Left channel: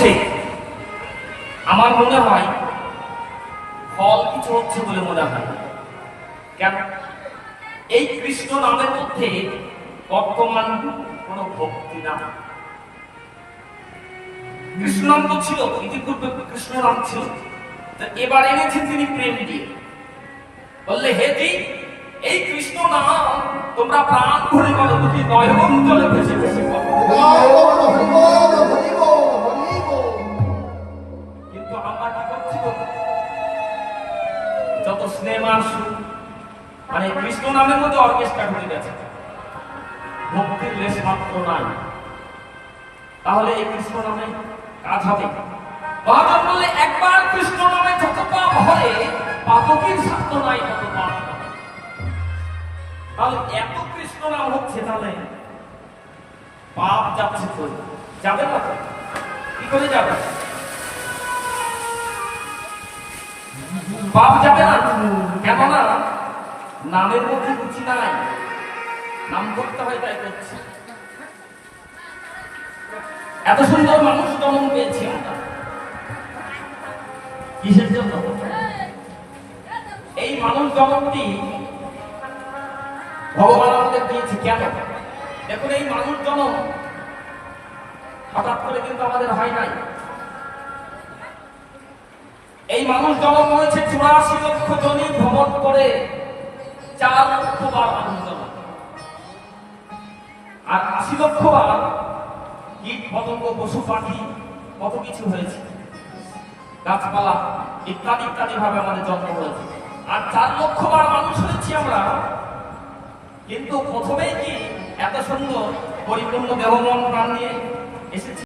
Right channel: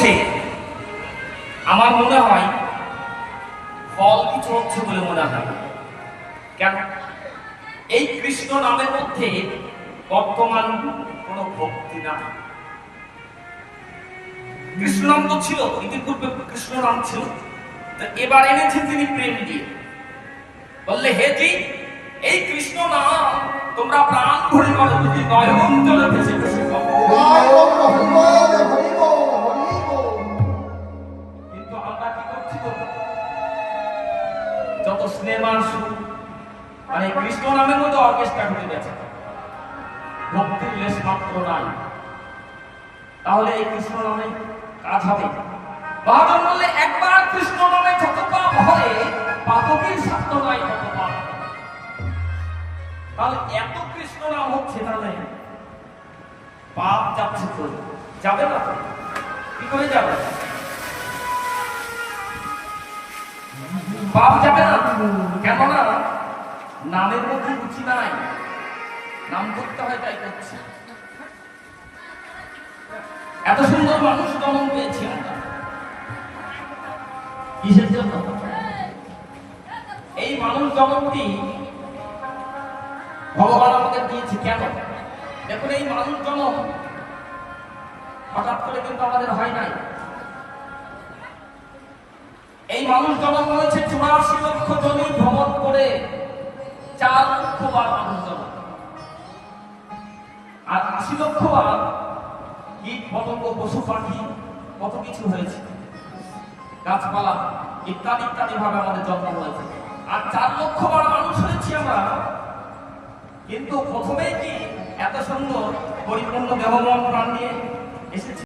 হচ্ছে, আমার মনে হয় ফল কিছু হচ্ছে বলে মনে হয়। কেন? এই কৃষ্ণ নামের মধ্যে বর্তমান কোন ভক্তি না। কৃষ্ণ নাম তো ছিল, ইতিপূর্বে কৃষ্ণ নাম ছিল, এবার এনেছে তিনি প্রেম দিয়ে। বললে, হে জি, এই কৃষ্ণ নাম তোমরা প্রাণ ভরে বলো, যদি নয়ন জলে ভেসে ভেসে বলো। কিন্তু আমরা কি করছি? যত সিনেমা মানে কৃষ্ণ নামের মধ্যে অর্কেস্ট্রা ঘটে গেছে, ভক্তির লেশ মাত্র নাই। তাহলে এই কৃষ্ণ নামে কাজ হবে? মহাজন বললে, একবার কৃষ্ণ নামে যত পাপ হয়, পাপকের সাধ্য নাই তত পাপ। তাহলে এত কৃষ্ণ নাম হচ্ছে, তাহলে পাপ যাচ্ছে তো যাবে না? কি করে যাবে? পাপ যাবে না। কেননা নামের মধ্যে রুচি নাই, নাম করতে হয় তাই করছে। এত সুন্দর মানুষ জন্ম পেয়েছে কিসের জন্য? এই মানুষ জগৎটি ভগবান আমাদের দিয়েছে কেন? দেখুন, এই মানুষ জন্ম হঠাৎ করে কিন্তু আমাদের হয় নাই। এই মানুষ জন্ম হয়েছে 84 লক্ষ জমি ভ্রমণ করে, 4 লক্ষ বার মানুষ জন্ম, আর 80 লক্ষ বার কীট পতঙ্গ পশু পাখি কত কিছু হয়েছে, গাছপালা ইত্যাদি ইত্যাদি ভাবে আমাদের জন্ম হয়েছে। আর 4 লক্ষ বার মানুষ হয়েছি আমরা। কিন্তু প্রথমেই কি এত সুন্দর পরিপূর্ণ দেহ মন প্রাণ নিয়ে এসেছি?